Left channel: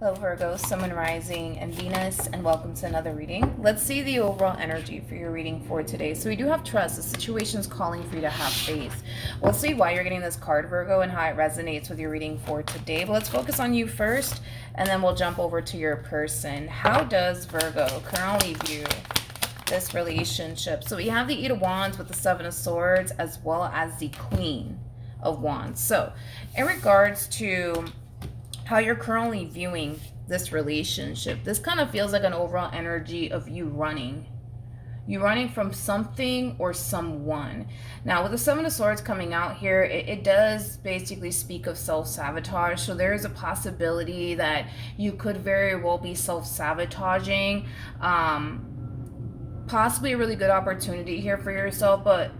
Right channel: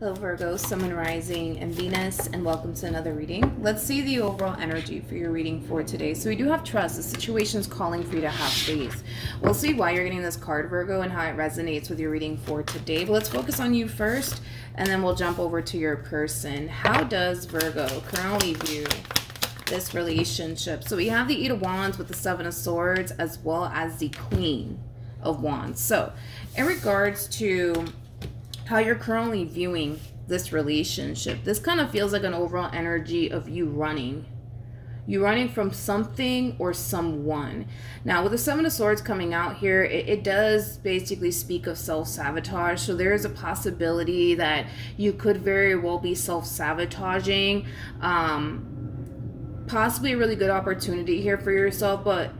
Hello Virgo, Sun, Moon, Rising, and Venus, and welcome to another reading. Let's see the overall energy for your reading for today. So we do have trust. The situation is calling for you to have faith. We'll see why you're getting this card, Virgo, and how it resonates with your reading for today. But let's focus on you first, and then we'll jump over to your person. How does Virgo currently view this relationship? So we have the Eight of Wands with the Seven of Swords, as well as the Queen of Wands. So in regards to how you're currently viewing this relationship, this kind of feels like an overall energy of you running. You're running from something or someone. Now, with the Seven of Swords coming out here, it does basically speak of self-sabotage. So there is a possibility that you could very well be self-sabotaging. Possibly a really good opportunity here for yourself, but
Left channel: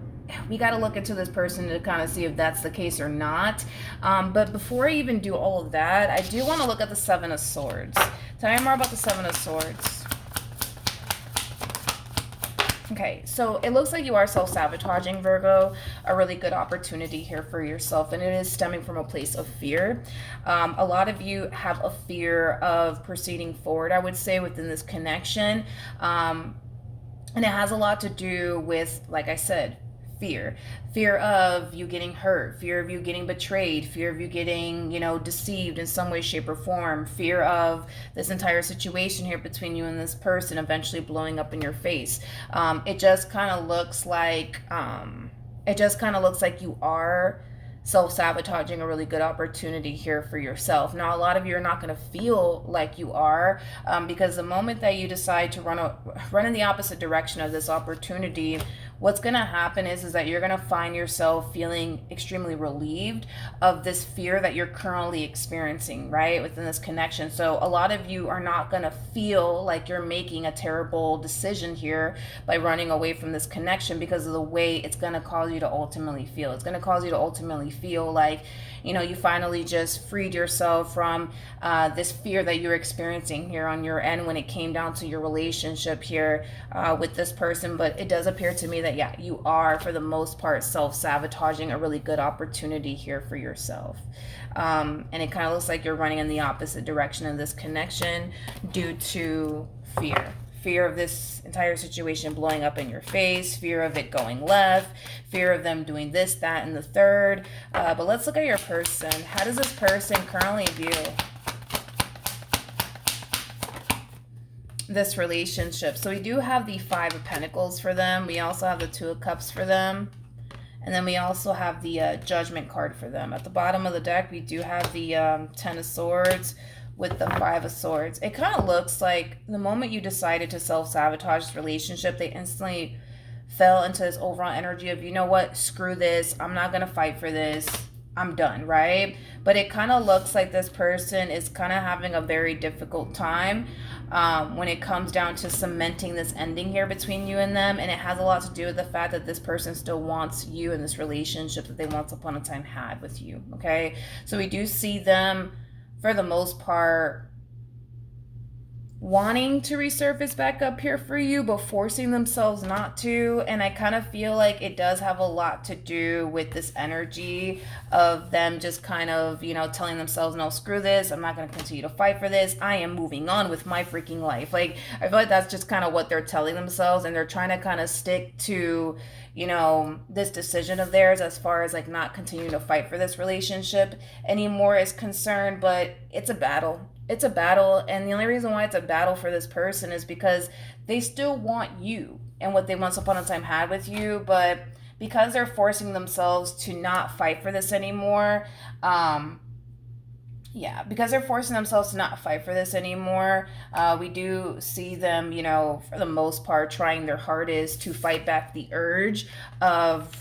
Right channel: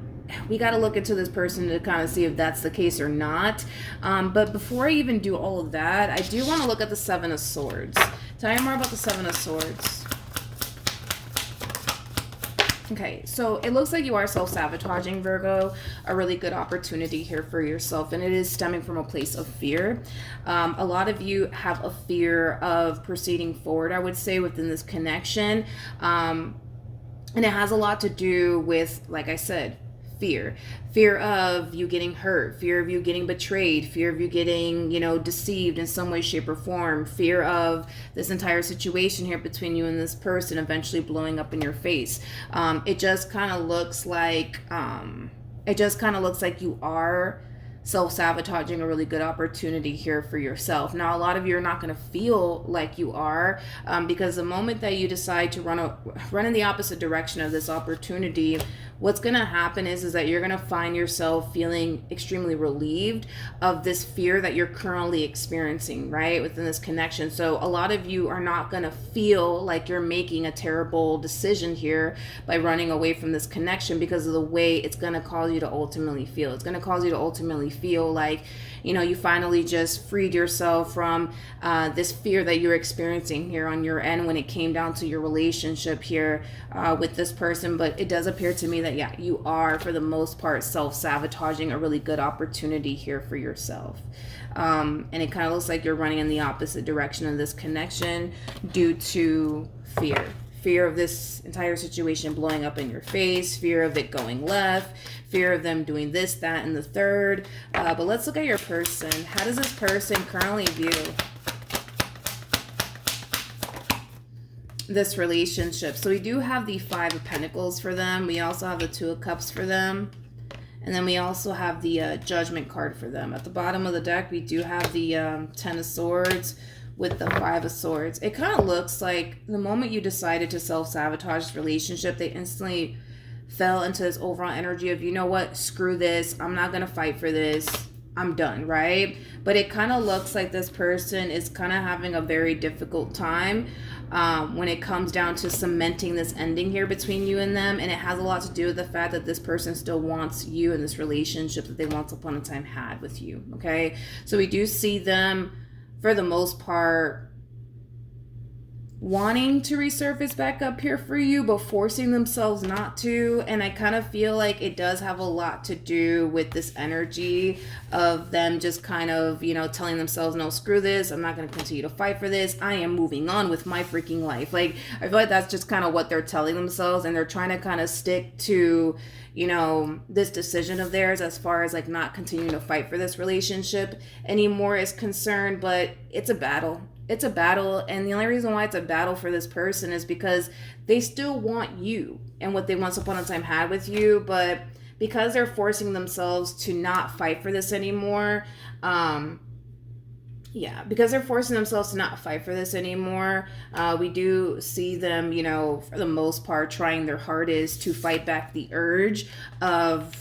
we got to look into this person to kind of see if that's the case or not. But before I even do all of that, I do want to look at the Seven of Swords. Tell me more about the Seven of Swords. Okay, so it looks like you are self-sabotaging, Virgo. A really good opportunity here for yourself, and it is stemming from a place of fear. A lot of you have a fear of proceeding forward, I would say, within this connection. And it has a lot to do with, like I said, fear of you getting hurt, fear of you getting betrayed, fear of you getting, deceived in some way, shape, or form, fear of this entire situation here between you and this person eventually blowing up in your face. It just kind of looks like you are self-sabotaging a really good opportunity here for yourself. Now, a lot of you are not going to feel like you are, because the moment that you decide to run in the opposite direction of this opportunity, what's going to happen is that you're going to find yourself feeling extremely relieved of this fear that you're currently experiencing, right, within this connection. So a lot of you are not going to feel like you're making a terrible decision here by running away from this connection, because of the way it's going to cause you to ultimately feel. It's going to cause you to ultimately feel like, you finally just freed yourself from this fear that you're experiencing here on your end when it came down to your relationship here with this person. But it does appear to me that, yeah, you are, for the most part, self-sabotaging a really good opportunity here for yourself. And it kind of looks like you're running in the opposite direction of this connection due to fear of this entire situation blowing up in your face, fear of it going left, fear of them doing this, that, and the third. But let's look at your person. How does this person currently view this relationship? So we do have the Five of Pentacles for them. We also have the Two of Cups for them. And then we also have the Judgment card for them. At the bottom of the deck, we do have the Ten of Swords with the Five of Swords. It kind of looks like the moment you decided to self-sabotage this relationship, they instantly fell into this overall energy of, you know what, screw this, I'm not going to fight for this, I'm done, right? But it kind of looks like this person is kind of having a very difficult time when it comes down to cementing this ending here between you and them. And it has a lot to do with the fact that this person still wants you in this relationship that they once upon a time had with you, okay? So we do see them, for the most part, wanting to resurface back up here for you, but forcing themselves not to. And I kind of feel like it does have a lot to do with this energy of them just kind of, telling themselves, no, screw this, I'm not going to continue to fight for this, I am moving on with my freaking life. Like, I feel like that's just kind of what they're telling themselves, and they're trying to kind of stick to, this decision of theirs as far as like not continuing to fight for this relationship anymore is concerned. But it's a battle. It's a battle, and the only reason why it's a battle for this person is because they still want you and what they once upon a time had with you, but because they're forcing themselves to not fight for this anymore, we do see them, for the most part, trying their hardest to fight back the urge of,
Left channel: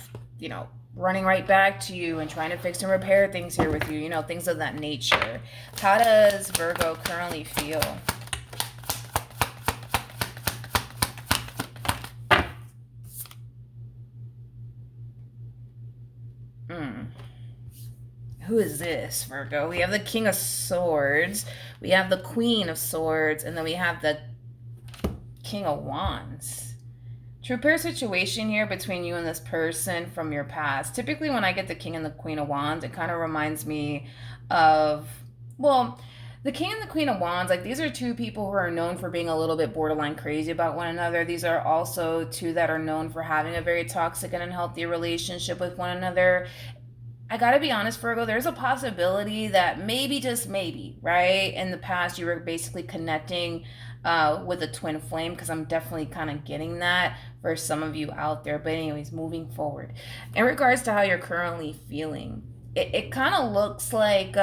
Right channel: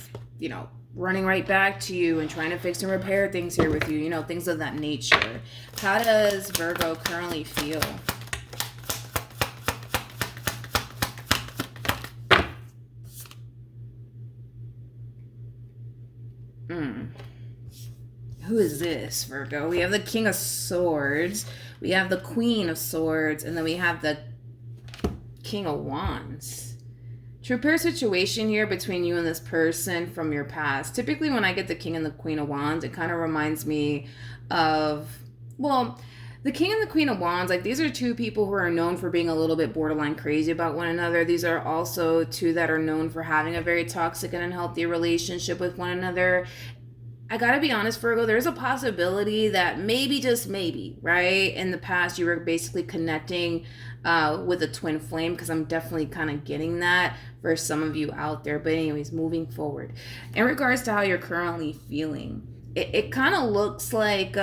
running right back to you and trying to fix and repair things here with you, things of that nature. How does Virgo currently feel? Who is this, Virgo? We have the King of Swords, we have the Queen of Swords, and then we have the King of Wands. True pair situation here between you and this person from your past. Typically when I get the King and the Queen of Wands, it kind of reminds me of, well, The King and the Queen of Wands, like these are two people who are known for being a little bit borderline crazy about one another. These are also two that are known for having a very toxic and unhealthy relationship with one another. I gotta be honest, Virgo, there's a possibility that maybe, just maybe, right? In the past, you were basically connecting with a twin flame, because I'm definitely kind of getting that for some of you out there. But anyways, moving forward. In regards to how you're currently feeling, it kind of looks like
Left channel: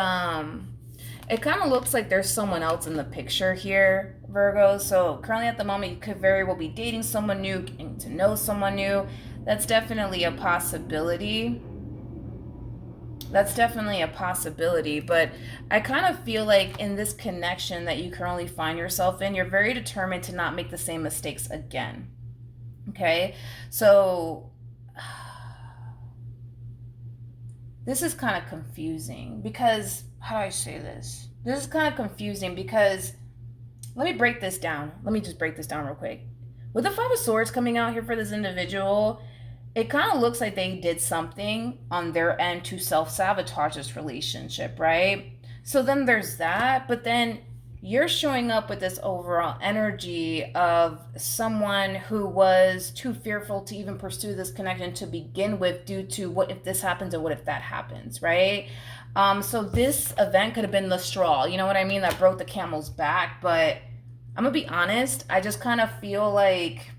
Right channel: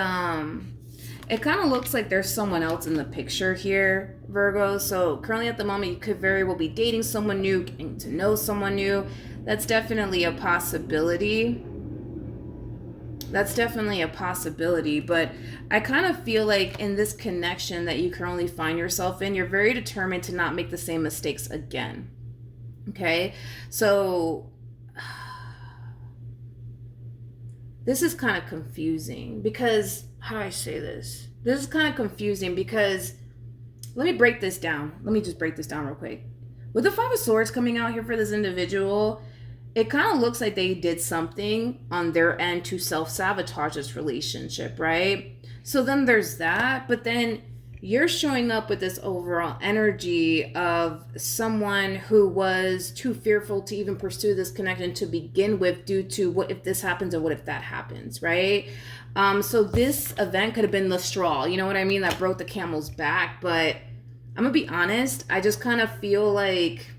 there's someone else in the picture here, Virgo. So currently at the moment, you could very well be dating someone new, getting to know someone new. That's definitely a possibility. But I kind of feel like in this connection that you currently find yourself in, you're very determined to not make the same mistakes again. Okay? So this is kind of confusing because, how do I say this? This is kind of confusing because, let me break this down. Let me just break this down real quick. With the Five of Swords coming out here for this individual, it kind of looks like they did something on their end to self-sabotage this relationship, right? So then there's that, but then you're showing up with this overall energy of someone who was too fearful to even pursue this connection to begin with, due to what if this happens and what if that happens, right? So this event could have been the straw, you know what I mean, that broke the camel's back. But I'm gonna be honest, I just kind of feel like,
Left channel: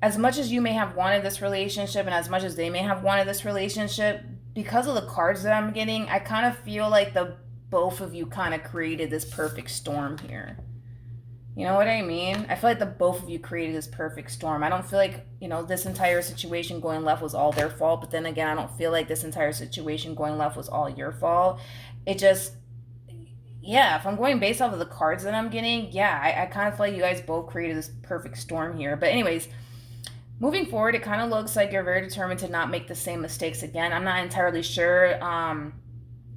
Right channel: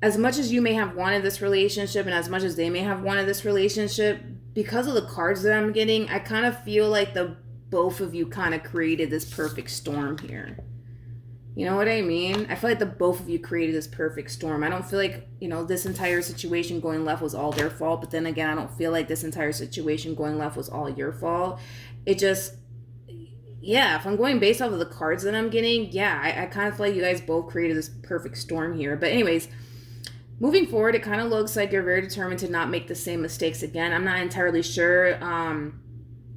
as much as you may have wanted this relationship and as much as they may have wanted this relationship, because of the cards that I'm getting, I kind of feel like the both of you kind of created this perfect storm here. You know what I mean? I feel like the both of you created this perfect storm. I don't feel like, this entire situation going left was all their fault. But then again, I don't feel like this entire situation going left was all your fault. It just, if I'm going based off of the cards that I'm getting, I kind of feel like you guys both created this perfect storm here. But anyways, moving forward, it kind of looks like you're very determined to not make the same mistakes again. I'm not entirely sure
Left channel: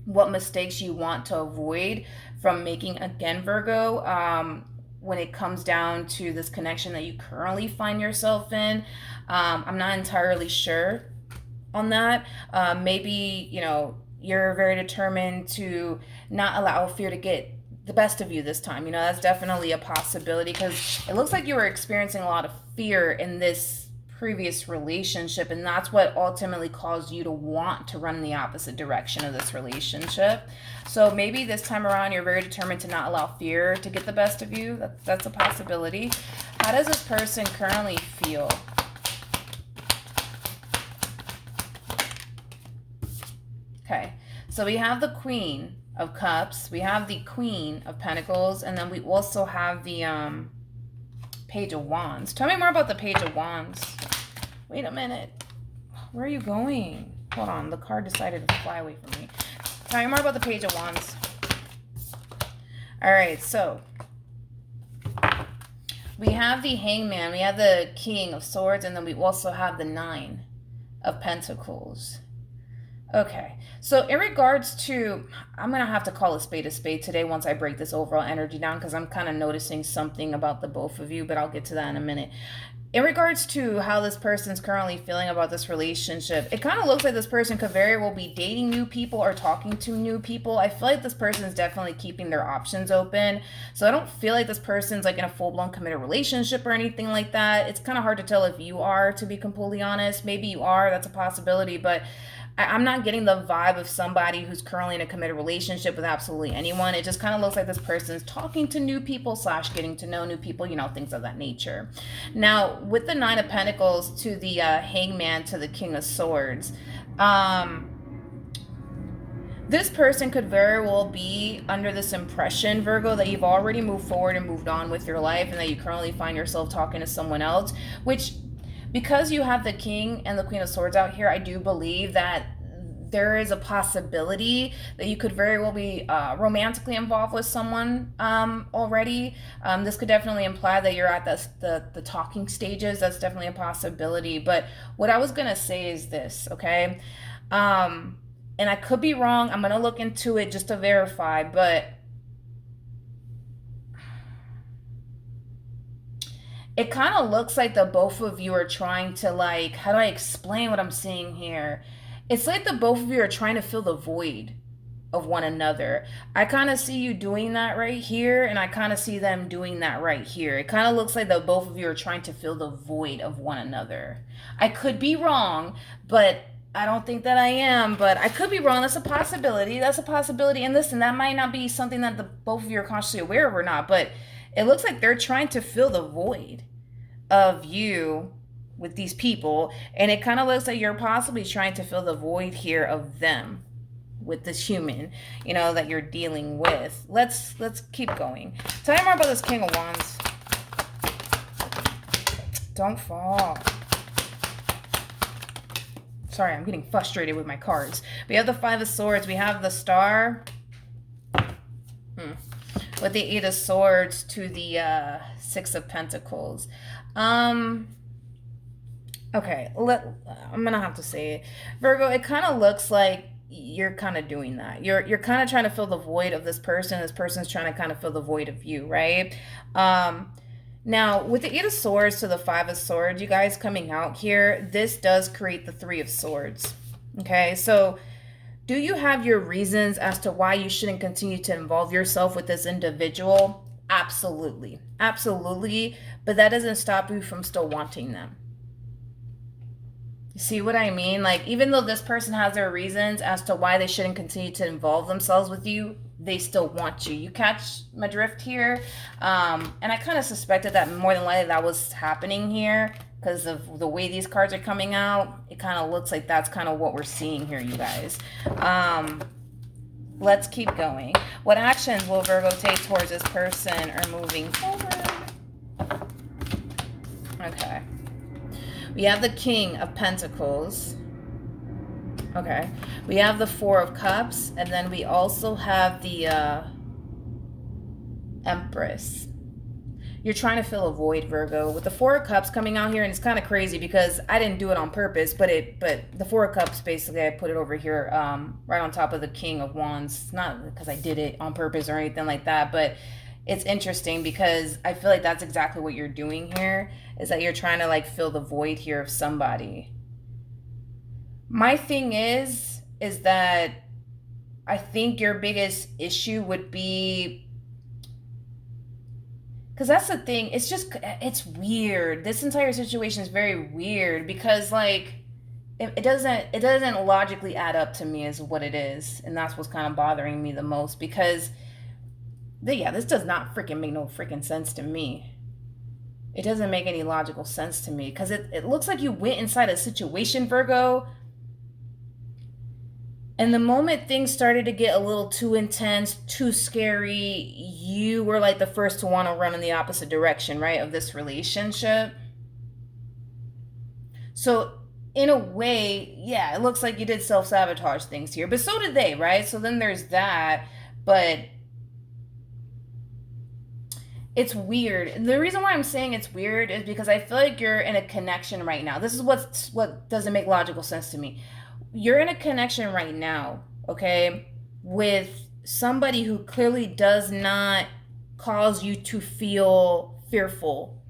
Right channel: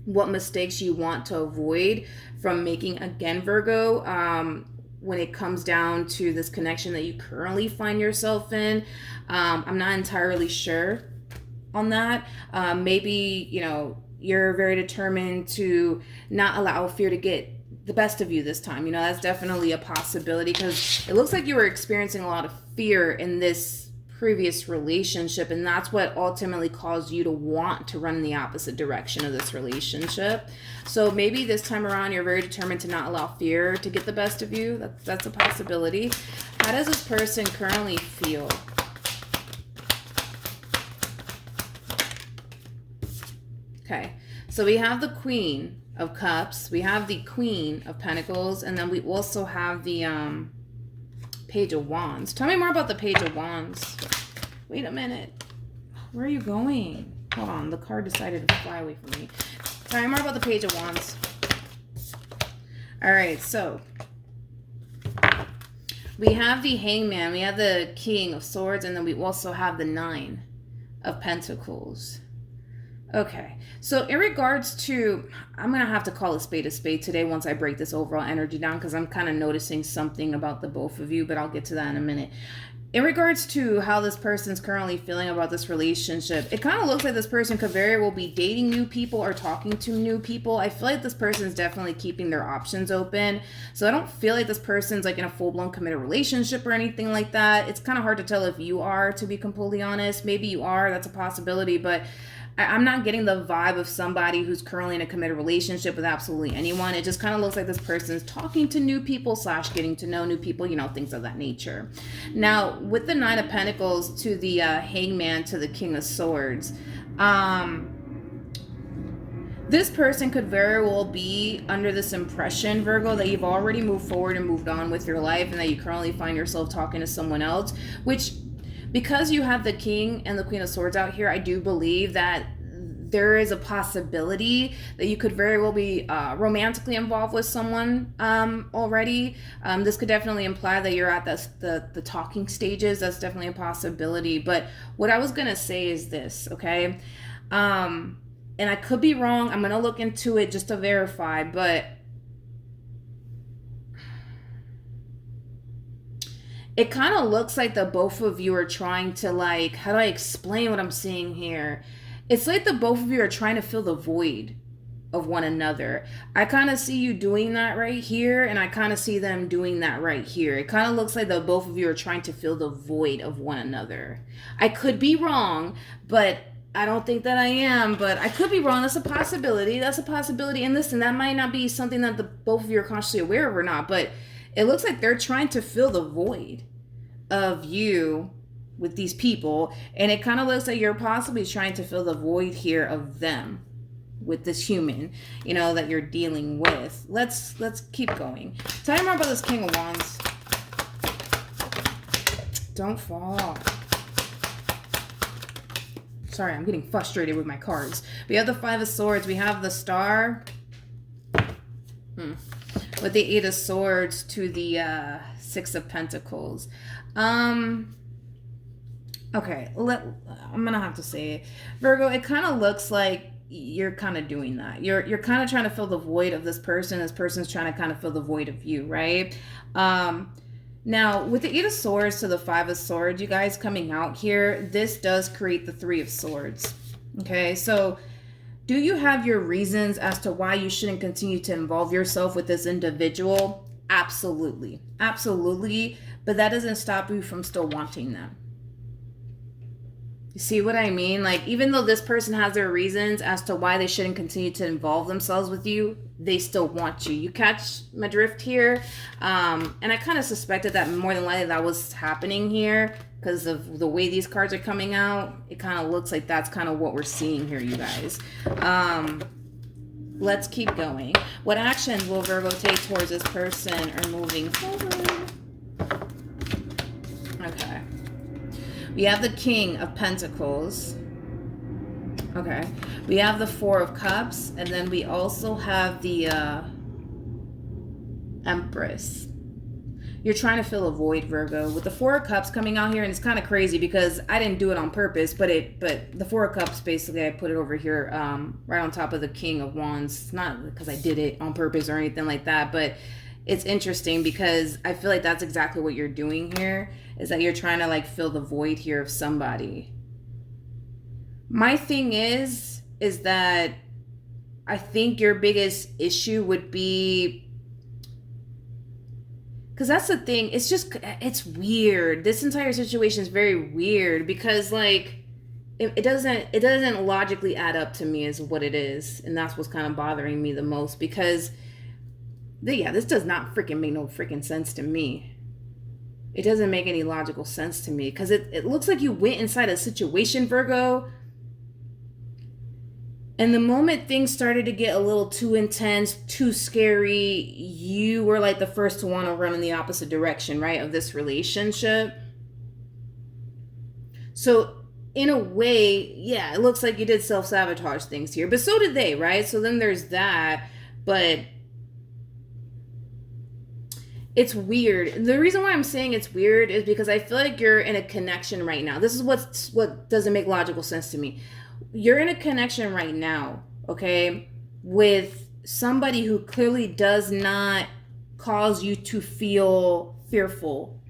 what mistakes you want to avoid from making again, Virgo, when it comes down to this connection that you currently find yourself in. I'm not entirely sure on that. Maybe, you're very determined to not allow fear to get the best of you this time. That's definitely a possibility, because it looks like you were experiencing a lot of fear in this previous relationship, and that's what ultimately caused you to want to run in the opposite direction of this relationship. So maybe this time around you're very determined to not allow fear to get the best of you. That's a possibility. How does this person currently feel? Okay, so we have the Queen of Cups, we have the Queen of Pentacles, and then we also have the Page of Wands. Tell me more about the Page of Wands. Wait a minute. Where are you going? Hold on. The card decided to fly away from me. Tell me more about the Page of Wands. All right. So we have the Hangman. We have the King of Swords. And then we also have the Nine of Pentacles. Okay. So in regards to, I'm going to have to call a spade today once I break this overall energy down, because I'm kind of noticing something about the both of you, but I'll get to that in a minute. In regards to how this person's currently feeling about this relationship, it kind of looks like this person could very well be dating new people or talking to new people. I feel like this person's definitely keeping their options open. So I don't feel like this person's like in a full-blown committed relationship or anything like that. It's kind of hard to tell if you are, to be completely honest. Maybe you are, that's a possibility, but I'm not getting the vibe of somebody who's currently in a committed relationship with absolutely anyone. It just kind of looks like this person's talking to new people / getting to know new people, things of that nature. Now, with the Nine of Pentacles to the Hangman to the King of Swords, this person could very well be under this impression, Virgo, that you've already moved forward and moved on with your life, and that you currently find yourself talking to someone else, which, because you have the King and the Queen of Swords out here, I do believe that there is a possibility that you could very well be romantically involved with someone already. This could definitely imply that you're at the talking stages. That's definitely a possibility. But what I was going to say is this, okay? And I could be wrong. I'm going to look into it just to verify, but it kind of looks like the both of you are trying to, like, how do I explain what I'm seeing here? It's like the both of you are trying to fill the void of one another. I kind of see you doing that right here, and I kind of see them doing that right here. It kind of looks like the both of you are trying to fill the void of one another. I could be wrong, but I don't think that I am, but I could be wrong. That's a possibility. That's a possibility. And listen, that might not be something that the both of you are consciously aware of or not, but it looks like they're trying to fill the void of you with these people, and it kind of looks like you're possibly trying to fill the void here of them with this human, you know, that you're dealing with. Let's keep going. Tell me more about this King of Wands. Don't fall. Sorry, I'm getting frustrated with my cards. We have the Five of Swords. We have the Star. With the Eight of Swords to the Six of Pentacles. Okay, I'm gonna have to say it. Virgo, it kind of looks like you're kind of doing that. You're kind of trying to fill the void of this person. This person's trying to kind of fill the void of you, right? Now, with the Eight of Swords to the Five of Swords, you guys coming out here, this does create the Three of Swords. Okay, so do you have your reasons as to why you shouldn't continue to involve yourself with this individual? Absolutely. Absolutely. But that doesn't stop you from still wanting them. You see what I mean? Like, even though this person has their reasons as to why they shouldn't continue to involve themselves with you, they still want you. You catch my drift here? And I kind of suspected that more than likely that was happening here because of the way these cards are coming out. It kind of looks like that's kind of what we're seeing here, you guys. Let's keep going. What actions will Virgo take towards this person or moving forward? Okay. We have the King of Pentacles. Okay. We have the Four of Cups. And then we also have the Empress. You're trying to fill a void, Virgo. With the Four of Cups coming out here, and it's kind of crazy because I didn't do it on purpose, but the Four of Cups, basically, I put it over here right on top of the King of Wands. Not because I did it on purpose or anything like that, but it's interesting because I feel like that's exactly what you're doing here, is that you're trying to like fill the void here of somebody. My thing is that I think your biggest issue would be, because that's the thing, it's weird. This entire situation is very weird because like it doesn't logically add up to me as what it is, and that's what's kind of bothering me the most because this does not freaking make no freaking sense to me. It doesn't make any logical sense to me because it looks like you went inside a situation, Virgo, and the moment things started to get a little too intense, too scary, you were like the first to want to run in the opposite direction, right, of this relationship. So in a way, yeah, it looks like you did self-sabotage things here, but so did they, right? So then there's that, but it's weird. The reason why I'm saying it's weird is because I feel like you're in a connection right now. This is what doesn't make logical sense to me. You're in a connection right now, okay, with somebody who clearly does not cause you to feel fearful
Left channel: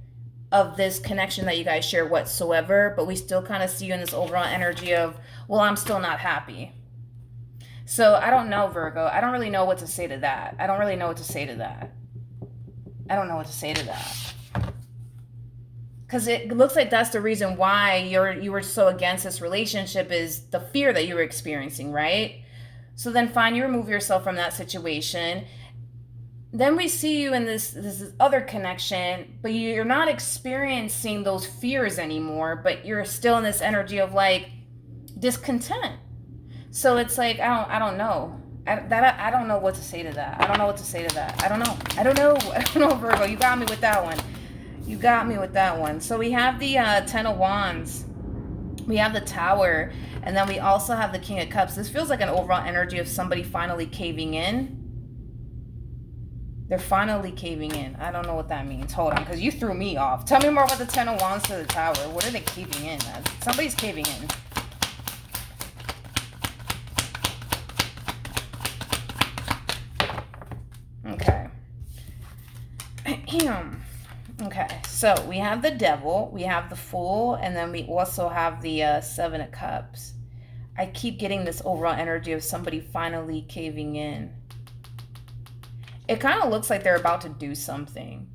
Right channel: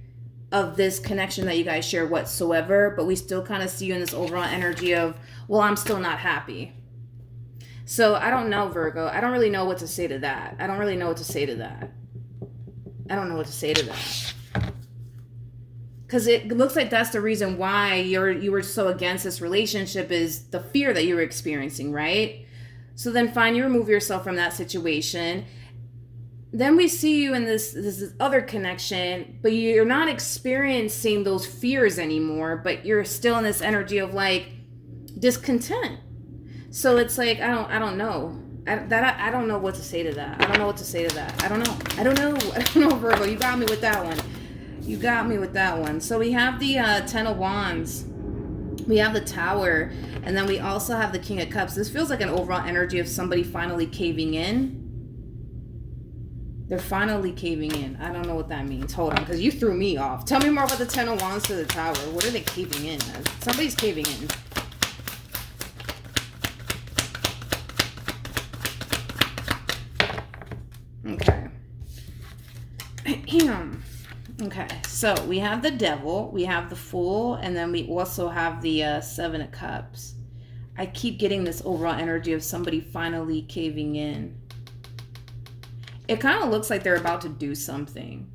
of this connection that you guys share whatsoever, but we still kind of see you in this overall energy of, well, I'm still not happy. So I don't know, Virgo. I don't really know what to say to that. I don't know what to say to that. Because it looks like that's the reason why you were so against this relationship, is the fear that you were experiencing, right? So then fine, you remove yourself from that situation. Then we see you in this other connection, but you're not experiencing those fears anymore, but you're still in this energy of like discontent. So it's like, I don't know. I don't know what to say to that. I don't know, Virgo. You got me with that one. So we have the Ten of Wands. We have the Tower. And then we also have the King of Cups. This feels like an overall energy of somebody finally caving in. They're finally caving in. I don't know what that means. Hold on, because you threw me off. Tell me more about the Ten of Wands to the Tower. What are they caving in as? Somebody's caving in. Okay, so we have the Devil, we have the Fool, and then we also have the Seven of Cups. I keep getting this overall energy of somebody finally caving in. It kind of looks like they're about to do something.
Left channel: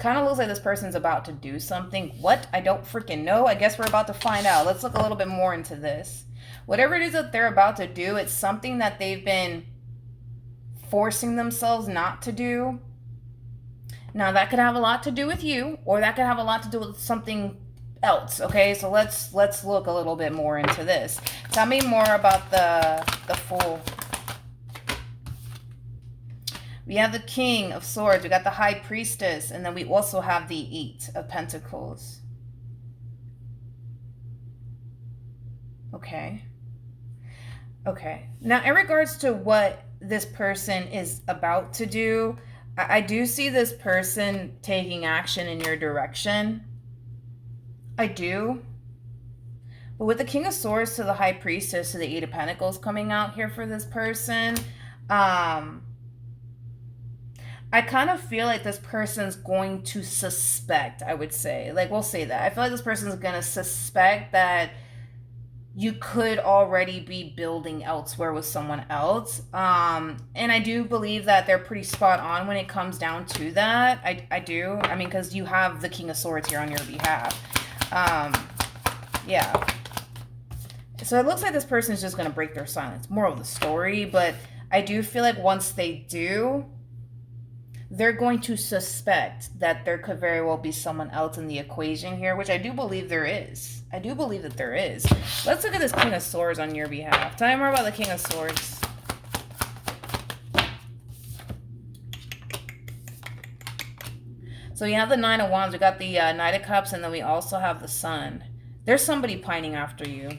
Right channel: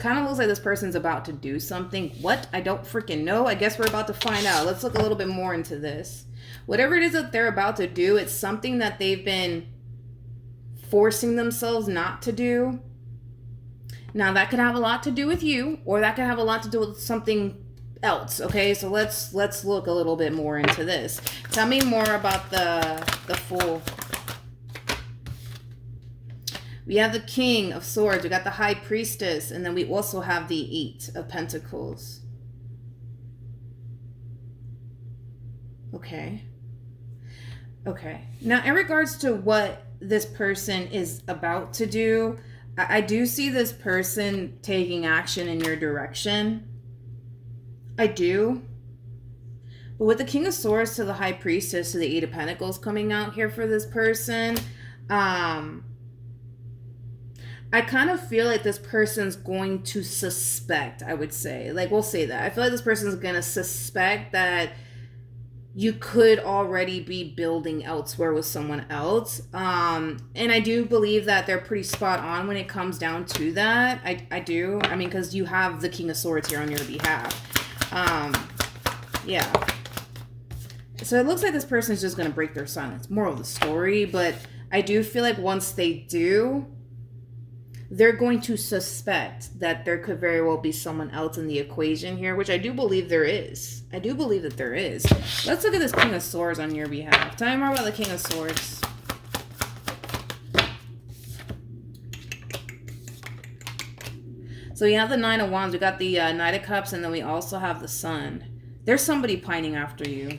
Kind of looks like this person's about to do something. What? I don't freaking know. I guess we're about to find out. Let's look a little bit more into this. Whatever it is that they're about to do, it's something that they've been forcing themselves not to do. Now, that could have a lot to do with you, or that could have a lot to do with something else. Okay, so let's look a little bit more into this. Tell me more about the Fool. We have the King of Swords, we got the High Priestess, and then we also have the Eight of Pentacles. Okay. Okay. Now, in regards to what this person is about to do, I do see this person taking action in your direction. I do. But with the King of Swords to the High Priestess to the Eight of Pentacles coming out here for this person, I kind of feel like this person's going to suspect, I would say. Like, we'll say that. I feel like this person's going to suspect that you could already be building elsewhere with someone else. And I do believe that they're pretty spot on when it comes down to that. I do. I mean, because you have the King of Swords here on your behalf. Yeah. So it looks like this person is just going to break their silence. Moral of the story. But I do feel like once they do, they're going to suspect that there could very well be someone else in the equation here, which I do believe there is. I do believe that there is. Let's look at this King of Swords on your behalf. Tell me more about the King of Swords. So we have the Nine of Wands, we got the Knight of Cups, and then we also have the Sun. There's somebody pining after you.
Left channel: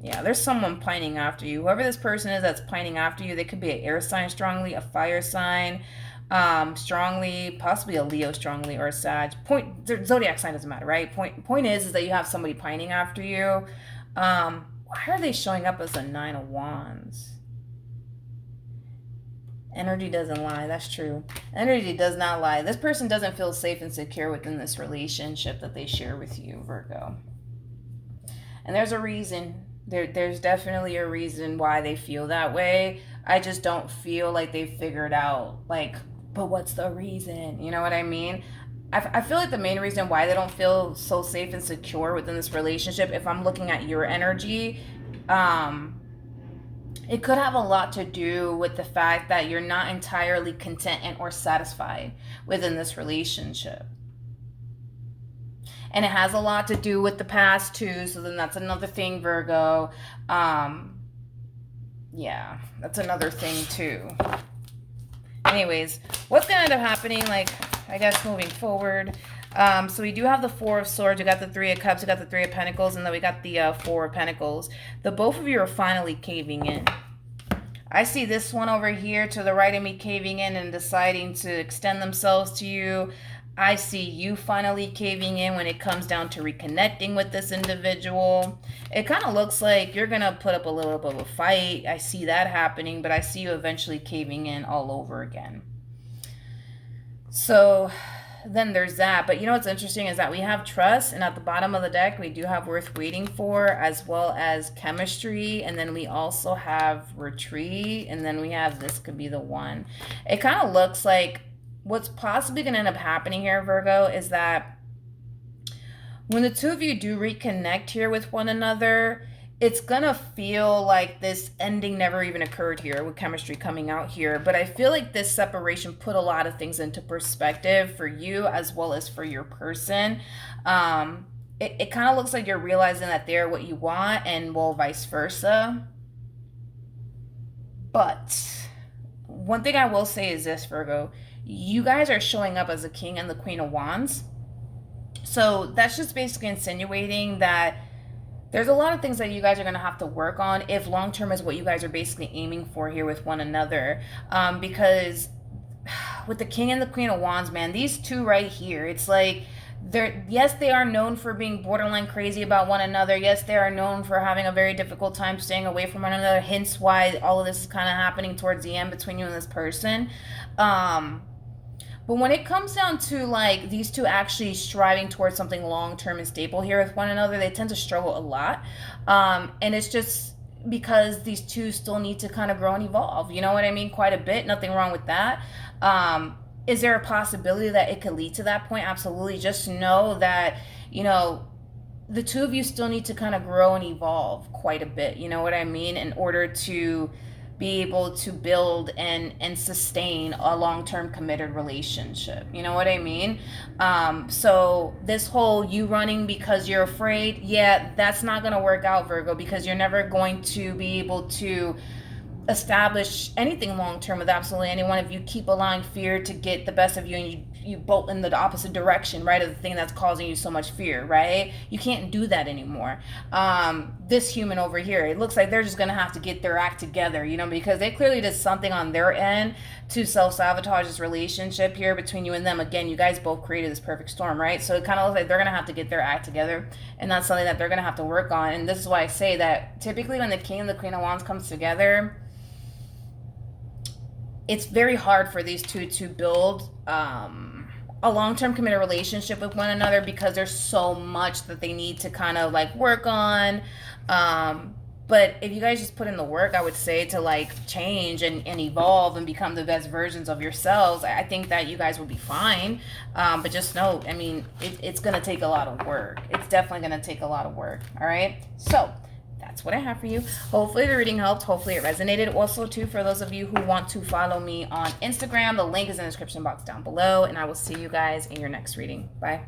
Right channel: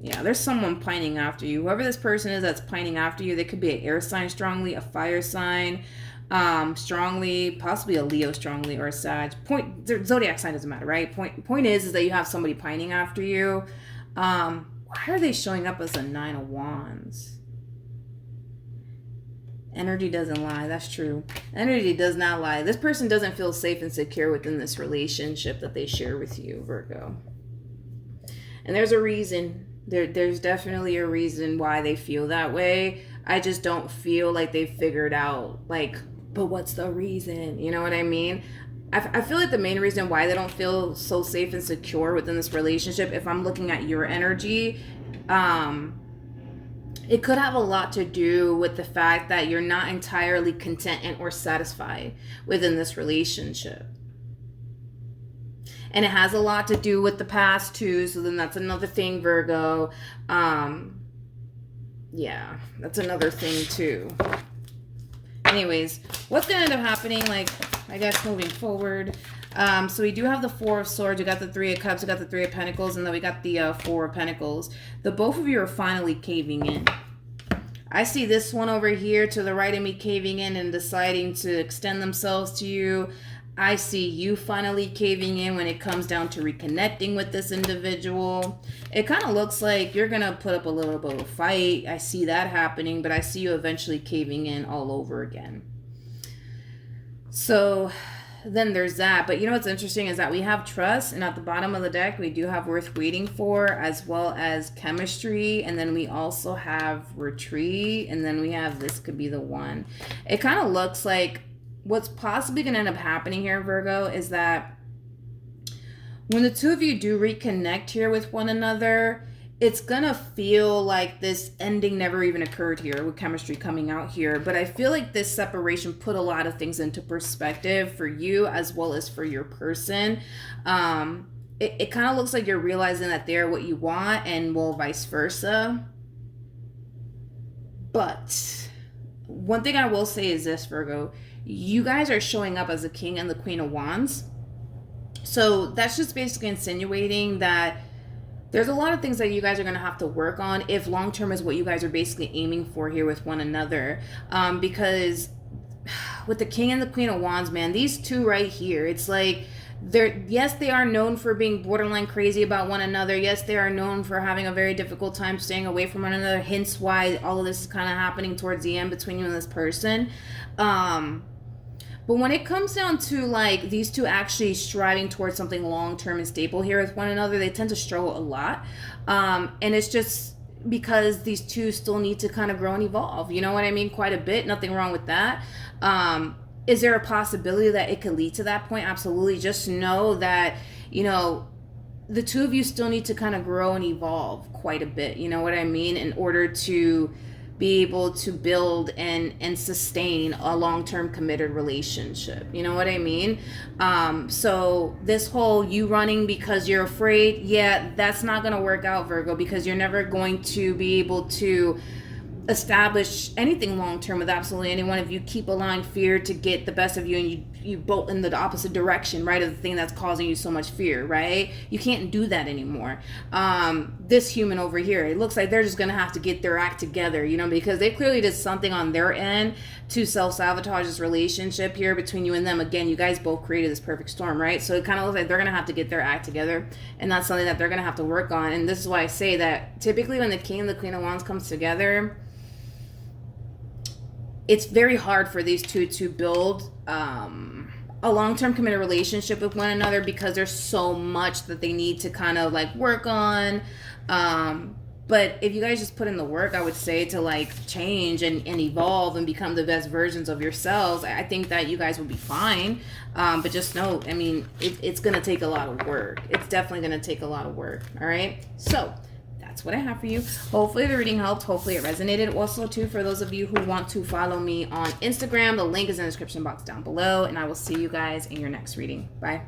Yeah, there's someone pining after you. Whoever this person is that's pining after you, they could be an air sign strongly, a fire sign, strongly, possibly a Leo strongly, or a Sag. Zodiac sign doesn't matter, right? Point is that you have somebody pining after you. Why are they showing up as a Nine of Wands? Energy doesn't lie. That's true. Energy does not lie. This person doesn't feel safe and secure within this relationship that they share with you, Virgo. And there's a reason. There's definitely a reason why they feel that way. I just don't feel like they figured out, like, but what's the reason? You know what I mean? I feel like the main reason why they don't feel so safe and secure within this relationship, if I'm looking at your energy, it could have a lot to do with the fact that you're not entirely content and or satisfied within this relationship. And it has a lot to do with the past too, so then that's another thing, Virgo. Yeah, that's another thing too. Anyways, what's going to end up happening, like, I guess, moving forward? So we do have the Four of Swords, we got the Three of Cups, we got the Three of Pentacles, and then we got the Four of Pentacles. The both of you are finally caving in. I see this one over here to the right of me caving in and deciding to extend themselves to you. I see you finally caving in when it comes down to reconnecting with this individual. It kind of looks like you're going to put up a little bit of a fight. I see that happening, but I see you eventually caving in all over again. So then there's that. But you know what's interesting is that we have trust, and at the bottom of the deck, we do have worth waiting for, as well as chemistry. And then we also have retreat. And then we have this could be the one. It kind of looks like what's possibly going to end up happening here, Virgo, is that when the two of you do reconnect here with one another, it's going to feel like this ending never even occurred here with chemistry coming out here. But I feel like this separation put a lot of things into perspective for you as well as for your person. It kind of looks like you're realizing that they're what you want, and well, vice versa. But one thing I will say is this, Virgo. You guys are showing up as the King and the Queen of Wands. So that's just basically insinuating that there's a lot of things that you guys are going to have to work on if long-term is what you guys are basically aiming for here with one another. Because with the King and the Queen of Wands, man, these two right here, it's like, yes, they are known for being borderline crazy about one another. Yes, they are known for having a very difficult time staying away from one another. Hence why all of this is kind of happening towards the end between you and this person. But when it comes down to like these two actually striving towards something long-term and stable here with one another, they tend to struggle a lot. And it's just because these two still need to kind of grow and evolve. You know what I mean? Quite a bit. Nothing wrong with that. Is there a possibility that it could lead to that point? Absolutely. Just know that, you know, the two of you still need to kind of grow and evolve quite a bit. You know what I mean? In order to be able to build and sustain a long-term committed relationship. You know what I mean? So this whole you running because you're afraid, yeah, that's not going to work out, Virgo, because you're never going to be able to establish anything long-term with absolutely anyone if you keep allowing fear to get the best of you, and you bolt in the opposite direction, right, of the thing that's causing you so much fear, right? You can't do that anymore. This human over here, it looks like they're just gonna have to get their act together, you know, because they clearly did something on their end to self-sabotage this relationship here between you and them. Again, you guys both created this perfect storm, right? So it kind of looks like they're gonna have to get their act together, and that's something that they're gonna have to work on. And this is why I say that typically when the King and the Queen of Wands comes together, it's very hard for these two to build a long-term committed relationship with one another, because there's so much that they need to kind of like work on. But if you guys just put in the work, I would say, to like change and evolve and become the best versions of yourselves, I think that you guys will be fine. But just know, I mean, it's going to take a lot of work. It's definitely going to take a lot of work. All right. So that's what I have for you. Hopefully the reading helped. Hopefully it resonated. Also, too, for those of you who want to follow me on Instagram, the link is in the description box down below, and I will see you guys in your next reading. Bye.